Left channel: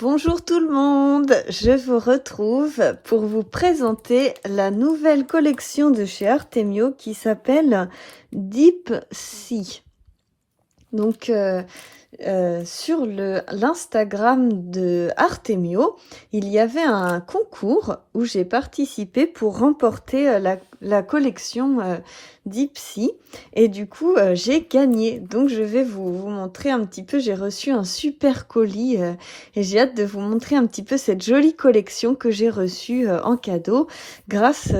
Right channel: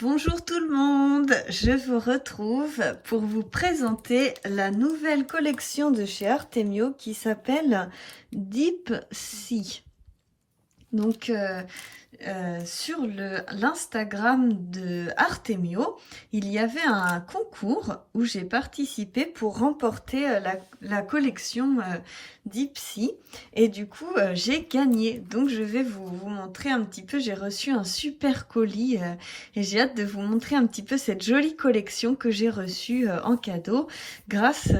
Bonjour tout le monde, je vous retrouve pour vous présenter la nouvelle collection de chez Artemio qui s'appelle Deep Sea. Donc sur l'Instagram de Artemio, il y avait un concours où j'ai participé pour remporter la collection Deep Sea et du coup j'ai gagné. Donc je vais vous montrer un petit peu, j'ai reçu un super colis et j'ai hâte de vous montrer un petit peu cette jolie collection que j'ai reçue en cadeau grâce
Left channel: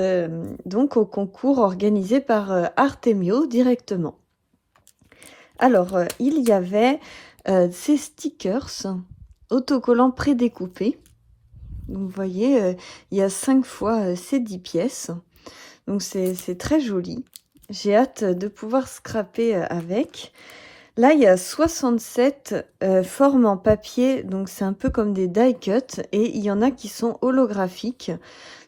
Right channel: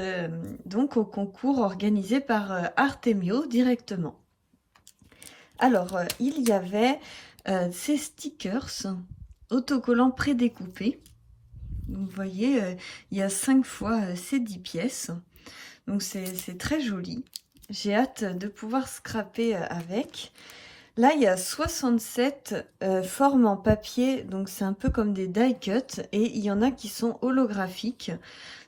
donc au concours organisé par Artemio directement. Alors, il y avait ces stickers autocollants prédécoupés. Donc, vous voyez, il y a 5 fois ces 10 pièces. Donc, c'est très joli. J'ai hâte de pouvoir scraper avec. Là, il y a 67 formes en papier. Donc, c'est un peu comme des die cut. Et il y en a qui sont holographiques.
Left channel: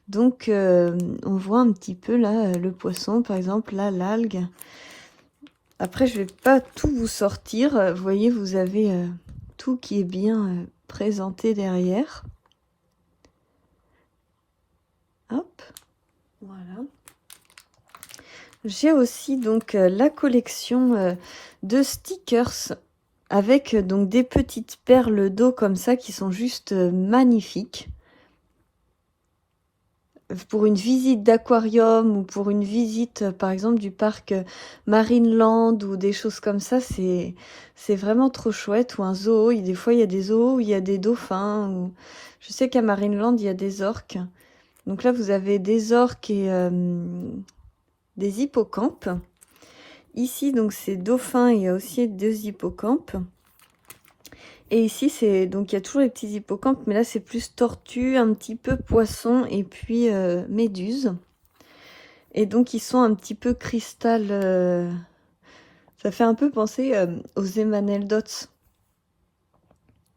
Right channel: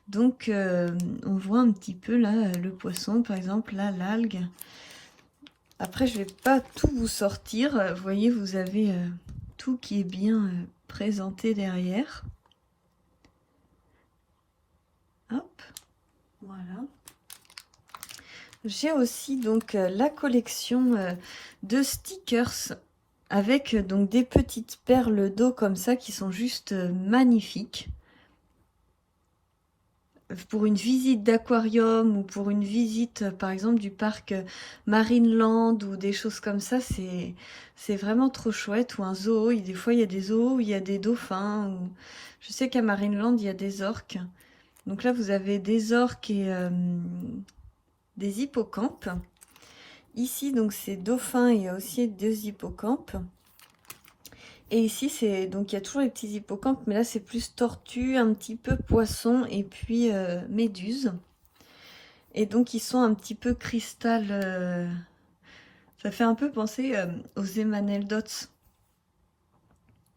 Donc, on voit un petit peu là le poisson, par exemple, là, l'algue. Après, je vais pas tout vous sortir. Vous voyez, vous avez tout qui est bien présenté derrière. Hop, voilà. J'ai aussi donc la collection de stickers avec donc des petites perles d'eau comme ça qui sont juste magnifiques. Pour une visite d'aquarium ou pour une visite par exemple du parc Marineland ou des choses comme ça, c'est vraiment trop chouette. Ou un zoo, des fois il y a des zoos où il y a des dauphins. Ou... Je sais qu'à Marineland il y a des orques. Donc là vous avez des orques et des hippocampes. Ici donc c'est dauphins, il y a aussi 2 hippocampes. Et ici, c'est donc il y a toujours les petits hippocampes, mais là c'est plus tortue, un petit peu poisson et puis méduse. Et donc ils sont un petit peu cristal. Ça fait un peu penser aux Emmanuel Dots.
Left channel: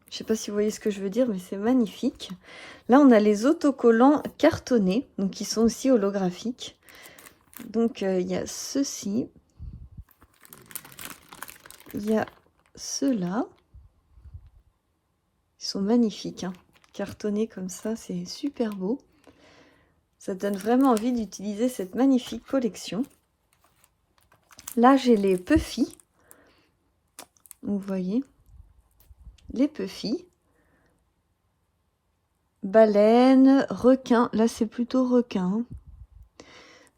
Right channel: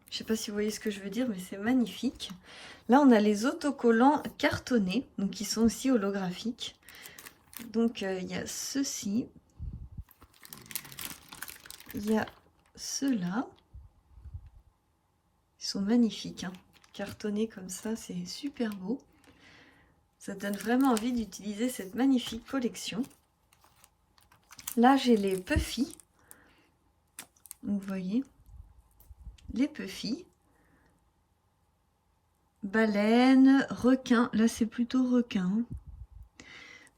Je sais pas si vous voyez ce que je veux dire, mais c'est magnifique. Là, on a les autocollants cartonnés, donc qui sont aussi holographiques. Donc il y a ceux-ci. Il y a ceux-là. Ils sont magnifiques, hein. Cartonnés comme ça, c'est super beau. Ça donne vraiment envie d'utiliser cette magnifique collection. Là, j'ai les Puffy. Vous voyez, les Puffy. Baleine, requin. Là, c'est plutôt requin.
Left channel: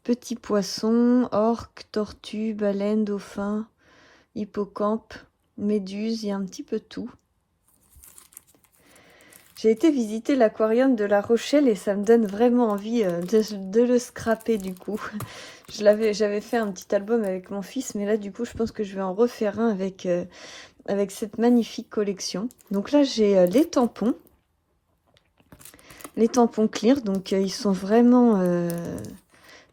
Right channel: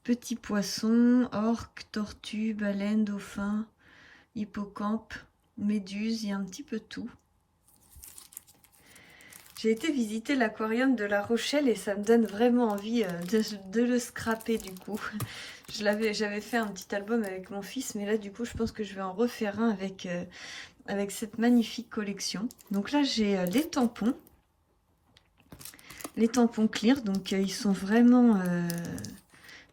Petits poissons, orques, tortues, baleines, dauphins, hippocampe, méduses. Il y a un petit peu tout. J'ai été visiter l'aquarium de La Rochelle et ça me donne vraiment envie de le scraper du coup. J'avais fait un petit album avec mon fils, mais là du coup je pense que je vais en refaire un avec cette magnifique collection. Donc là j'ai les tampons clear, donc ils sont vraiment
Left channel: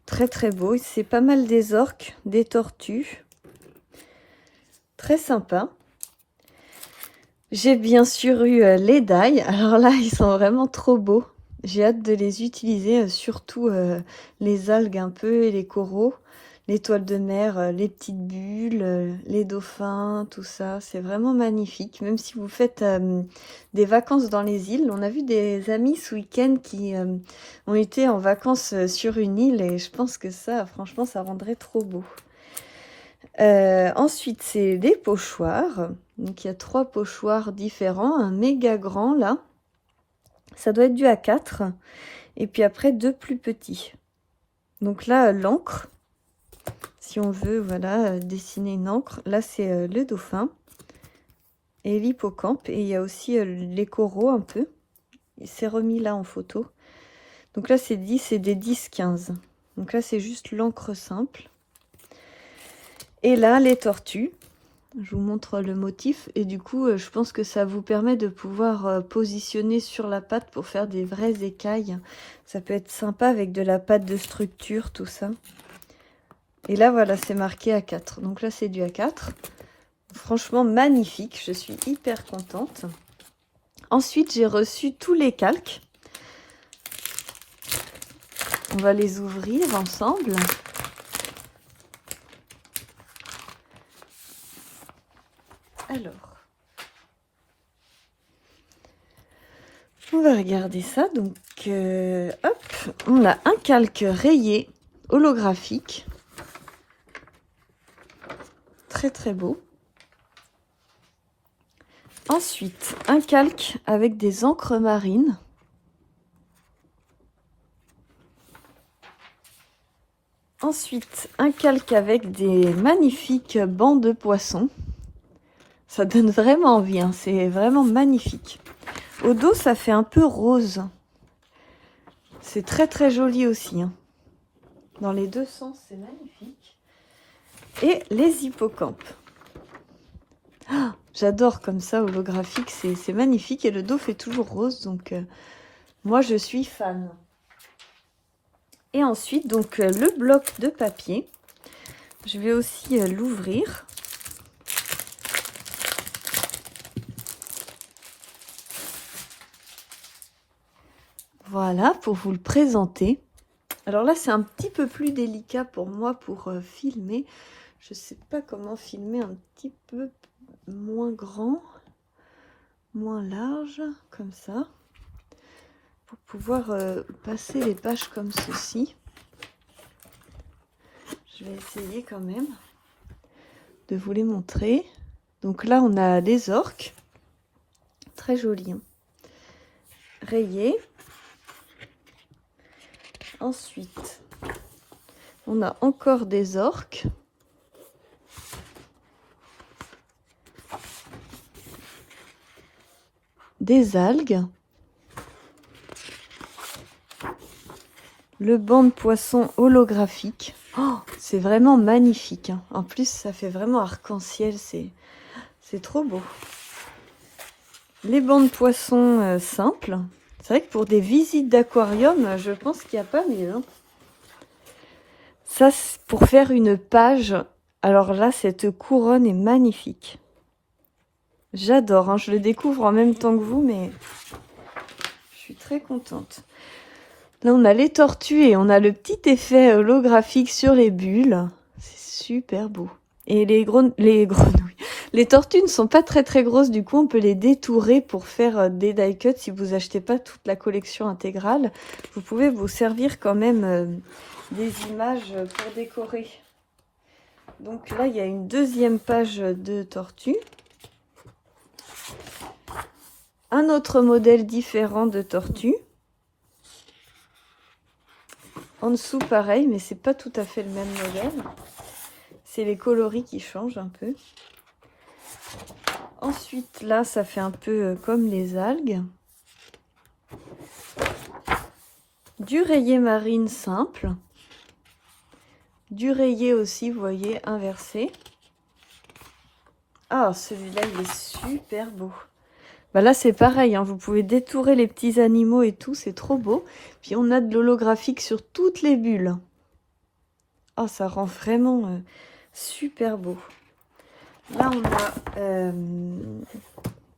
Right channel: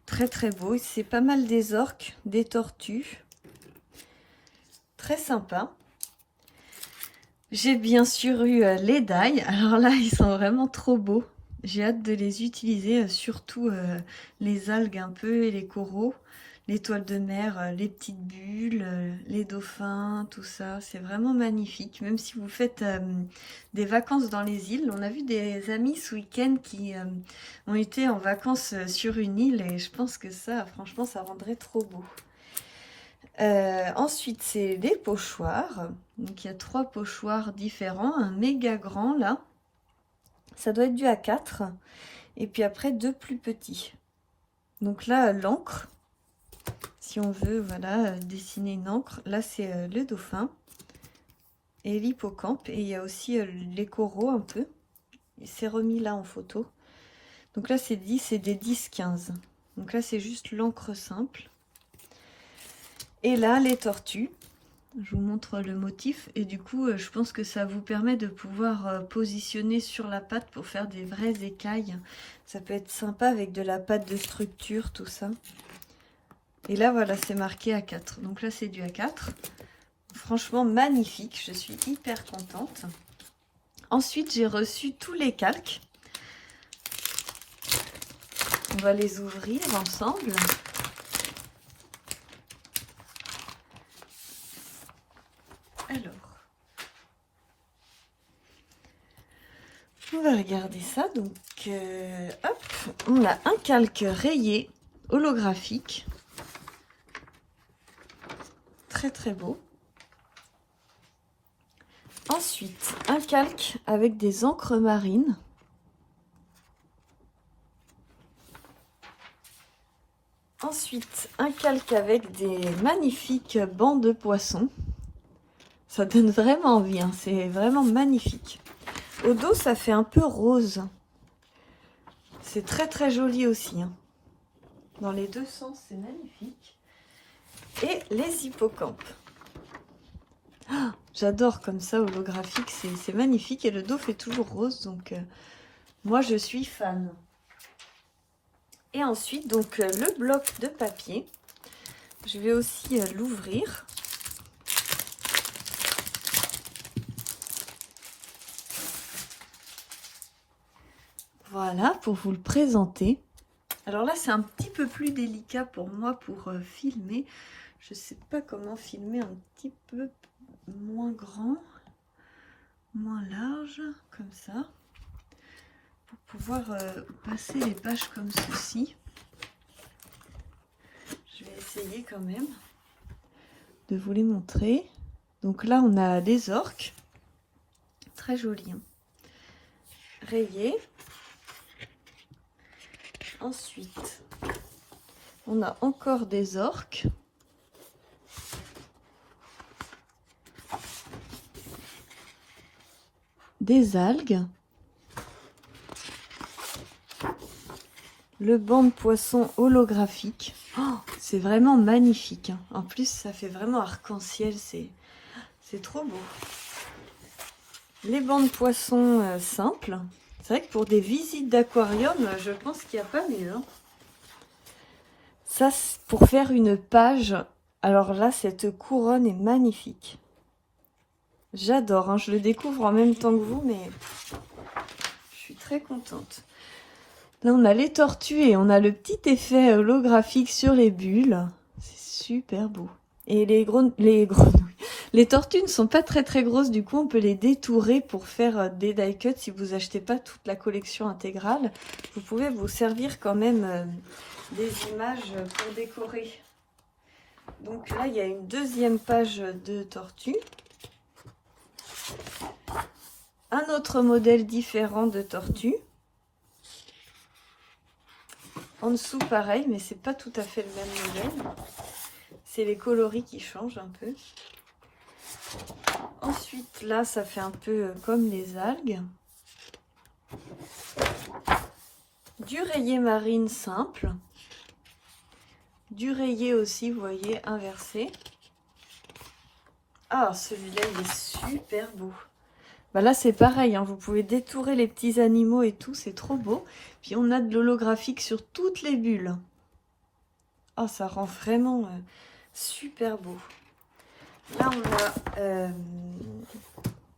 très très beaux. C'est pas mal des orques, des tortues, très sympa. J'ai bien sûr eu les die. Alors là, ils sont vraiment trop beaux. J'ai hâte de les utiliser, surtout les algues un peu et les coraux, les toiles de mer, les petites bulles, les dauphins, tout ça. C'est vraiment magnifique. Même si vous faites des vacances dans les îles. On a vu des amis ce week-end qui ont été en vacances sur une île et je pense que ça, franchement, ça rendrait trop beau. Ensuite, c'est des pochoirs. Donc, il y a 3 pochoirs différents. Un méga grand, là. Ça doit être du A4. Et puis après, 2 plus petits. Donc là, l'encre. Si on veut, voilà, dessiner une encre. Là, c'est le dauphin. Et l'hippocampe. Et il y a aussi les coraux, un peu. Il s'est remis là en photo. Donc là, c'est 10 et des 10-15. Donc là, c'est juste l'encre simple. Et là, les tortues. Je vous montre le motif et du coup je pense que ça vous permet de pouvoir positionner sur la pâte pour faire des vraies écailles. Ça peut être sympa avec de la pâte de structure, tout ça. Et là voilà, c'est marqué A4. Donc là c'est du A4. Franchement magnifique, je suis hyper contente. Ensuite j'ai reçu tous les calques. On va les ouvrir ensemble. Alors, On va regarder ça. Donc, hop, on a un calque rayé holographique. Très très beau. Ensuite, un calque avec des encres marines. Ensuite, un calque avec des magnifiques bancs de poissons. Ça donne vraiment envie, hein. C'est vraiment magnifique. Au dos, ça fait un peu rose. C'est très très joli aussi, hein. Dans les deux sens, c'est magnifique. Et les hippocampes. Oh, j'adore comme ça, holographique, c'est magnifique. Et le dos fait toujours rose, donc moi je suis fan. Et ensuite, donc le bloc de papier. Je vais aussi l'ouvrir. Voilà, pour vous le présenter. Alors là, c'est un petit peu plus délicat pour moi pour filmer. Je ne sais pas comment filmer un petit peu moins grand, moins large, comme ça. Pour pouvoir passer les pages comme ceci. Je vais essayer quand même de vous les montrer. Donc là, on a des orques. Très jolis, hein. Rayés. Ensuite, on a encore des orques. Des algues. Le banc de poisson holographique. Oh, c'est vraiment magnifique, hein. En plus, ça fait vraiment arc-en-ciel. C'est trop beau. Les bancs de poisson simples. C'est vrai que pour des visites d'aquarium, je pense qu'il n'y a pas mieux, hein. Ça, c'est pour faire une page. Alors là, cette couronne est magnifique. J'adore, hein. Je le découvre en même temps que vous, mais je suis très contente. Là, on a les tortues et on a le petit effet holographique sur les bulles. C'est super beau. Et les grenouilles. Les tortues ne sont pas très très grosses, du coup on peut les détourer pour faire des die cuts. Si vous achetez pas toute la collection intégrale, vous pouvez vous servir quand même des images pour décorer. Donc là, il y a une deuxième page de tortue. Un autre modèle différent de tortue. En dessous, pareil, mais c'est pas tout à fait le même modèle. C'est les coloris qui changent un peu. Ensuite, là, ça fait un peu comme les algues. Du rayé marine simple. Du rayé aussi, vous voyez, inversé. Ah, celui-là, il est super beau. Bah là, c'est pareil, hein, vous pouvez détourer les petits animaux et tout, c'est trop beau. Puis on a de l'holographique sur toutes les bulles. Oh, ça rend vraiment super beau. Là, on a...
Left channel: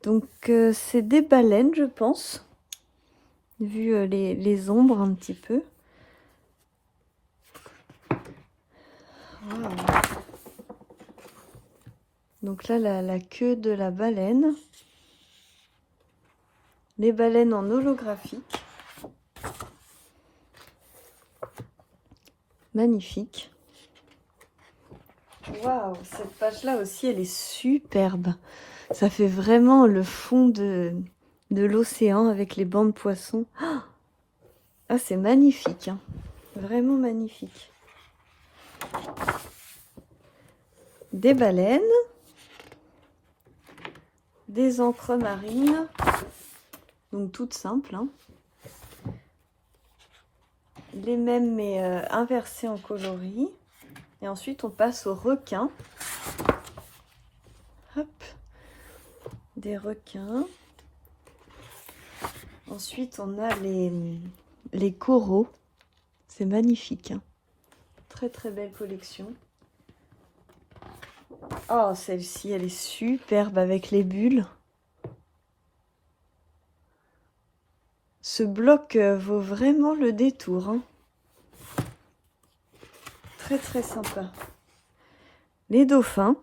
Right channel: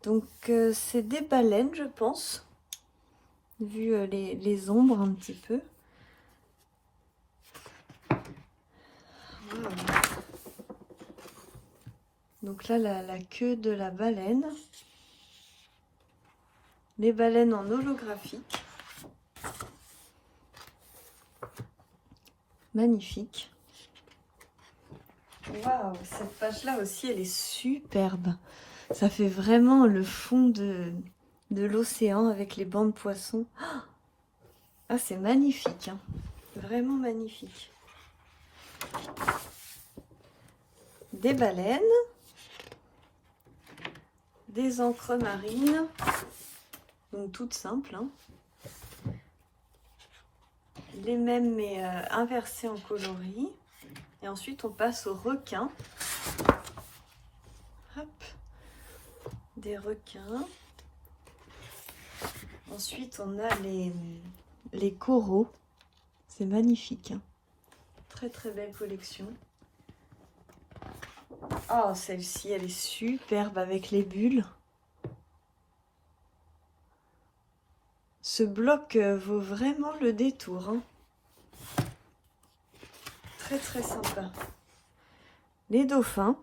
donc, c'est des baleines, je pense. Vu les ombres un petit peu. Voilà. Donc là, la queue de la baleine. Les baleines en holographique. Magnifique. Waouh, cette page-là aussi, elle est superbe. Ça fait vraiment le fond de l'océan avec les bancs de poissons. Ah, c'est magnifique, hein. Vraiment magnifique. Des baleines. Des encres marines. Donc toutes simples, hein. Les mêmes mais inversés en coloris. Et ensuite on passe aux requins. Hop. Des requins. Ensuite on a les coraux. C'est magnifique, hein. Très très belle collection. Oh, celle-ci elle est superbe avec les bulles. Ce bloc vaut vraiment le détour, hein. Très très sympa. Les dauphins.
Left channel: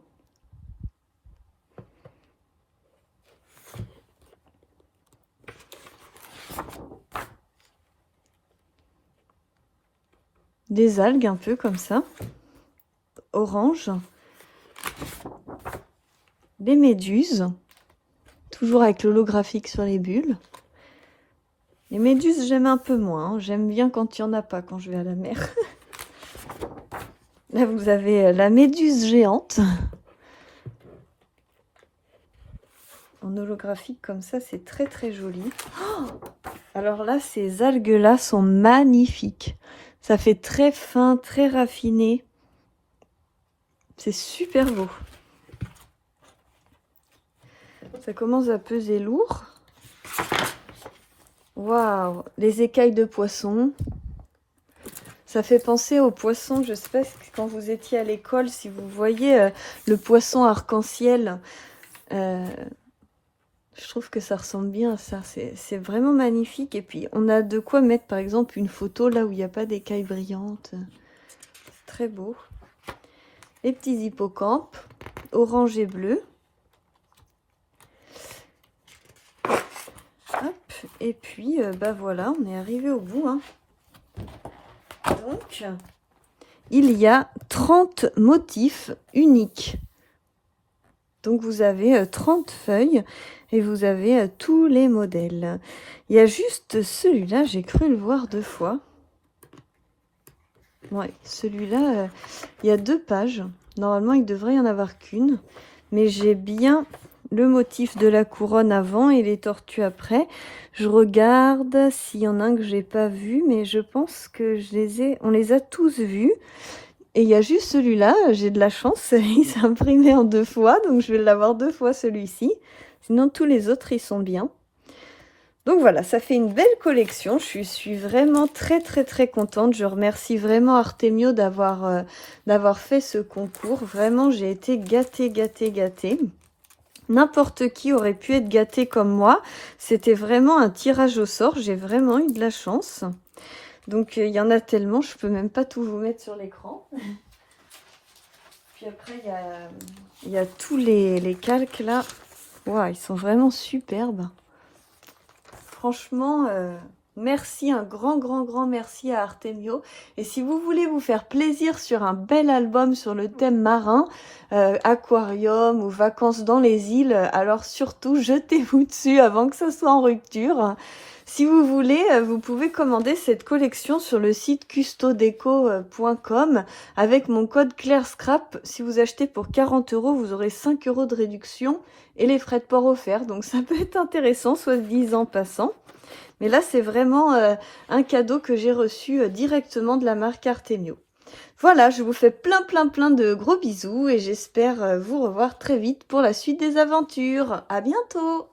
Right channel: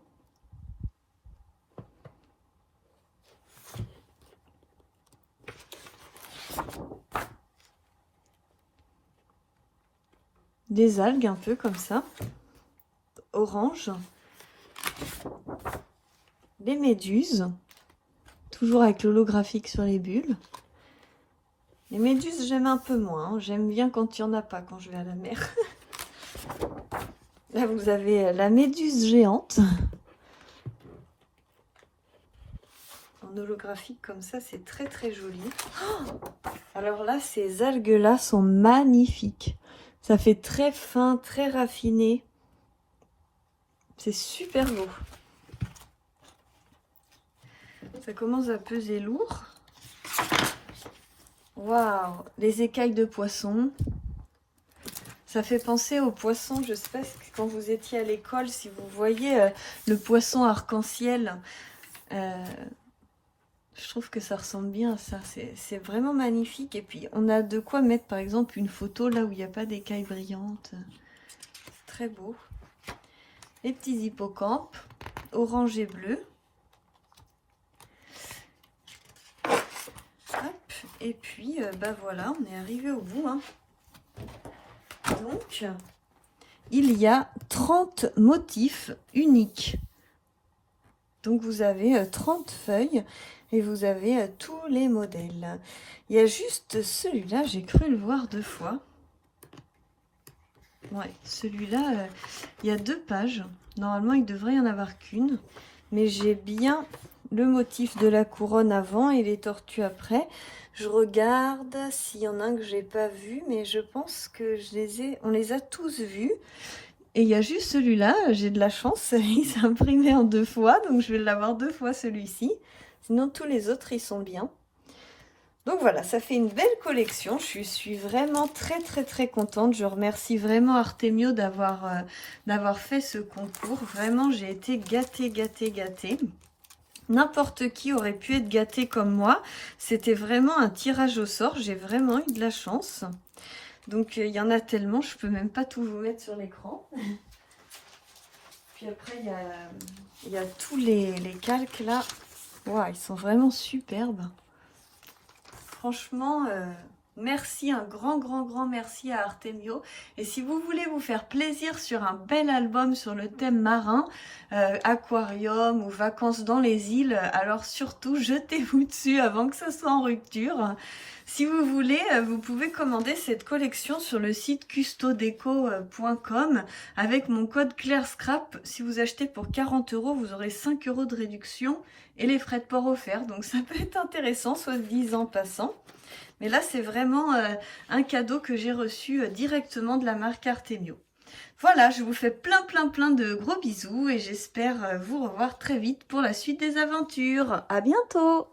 des algues un peu comme ça, orange, des méduses, toujours avec l'holographique sur les bulles. Les méduses, j'aime un peu moins, hein. J'aime bien quand il n'y en a pas, quand je vais à la mer. Là, vous avez la méduse géante. En holographique comme ça, c'est très très joli. Alors là, ces algues-là sont magnifiques. Ça fait très fin, très raffiné. C'est super beau. Ça commence à peser lourd. Waouh, les écailles de poisson. Ça fait penser aux poissons, je sais pas quand vous étiez à l'école, si vous voyez le poisson arc-en-ciel. Je trouve que ça ressemble bien à ça. C'est vraiment magnifique. Et puis, on a de quoi mettre, par exemple, une photo là où il n'y a pas d'écailles brillantes. C'est très beau. Les petits hippocampes, orange et bleu. Hop. Et puis, bah voilà, on est arrivé au bout. Hein. Donc, il y a 30 motifs uniques. Donc, vous avez 30 feuilles. Et vous avez tous les modèles. Il y a juste celui-là, j'ai cru le voir 2 fois. Ouais, celui-là, il y a 2 pages. Normalement, il devrait y en avoir qu'une. Mais j'ai bien le motif de la couronne avant et les tortues après. Je regarde s'il y en a un que j'ai pas vu, mais je pense que on les a tous vus. Et il y a juste celui-là, j'ai de la chance, il s'est imprimé en 2 fois, donc je vais l'avoir 2 fois celui-ci. Sinon, tous les autres, ils sont bien. Donc voilà, ça fait une belle collection. Je suis vraiment très, très, très contente. Je remercie vraiment Artemio d'avoir fait ce concours. Vraiment, j'ai été gâtée, gâtée, gâtée. N'importe qui aurait pu être gâté comme moi. C'était vraiment un tirage au sort. J'ai vraiment eu de la chance. Donc, il y en a tellement, je peux même pas tout vous mettre sur l'écran. Puis après, il y a tous les calques là. Wow, ils sont vraiment superbes. Franchement, merci, un grand merci à Artemio. Et si vous voulez vous faire plaisir sur un bel album sur le thème marin, aquarium ou vacances dans les îles, alors surtout jetez-vous dessus avant que ça soit en rupture. Si vous voulez, vous pouvez commander cette collection sur le site custodeco.com avec mon code CLAIRSCRAP. Si vous achetez pour 40 €, vous aurez 5 € de réduction et les frais de port offerts. Donc ça peut être intéressant, soit dit en passant. Mais là, c'est vraiment un cadeau que j'ai reçu directement de la marque Artemio. Voilà, je vous fais plein de gros bisous et j'espère vous revoir très vite pour la suite des aventures. À bientôt!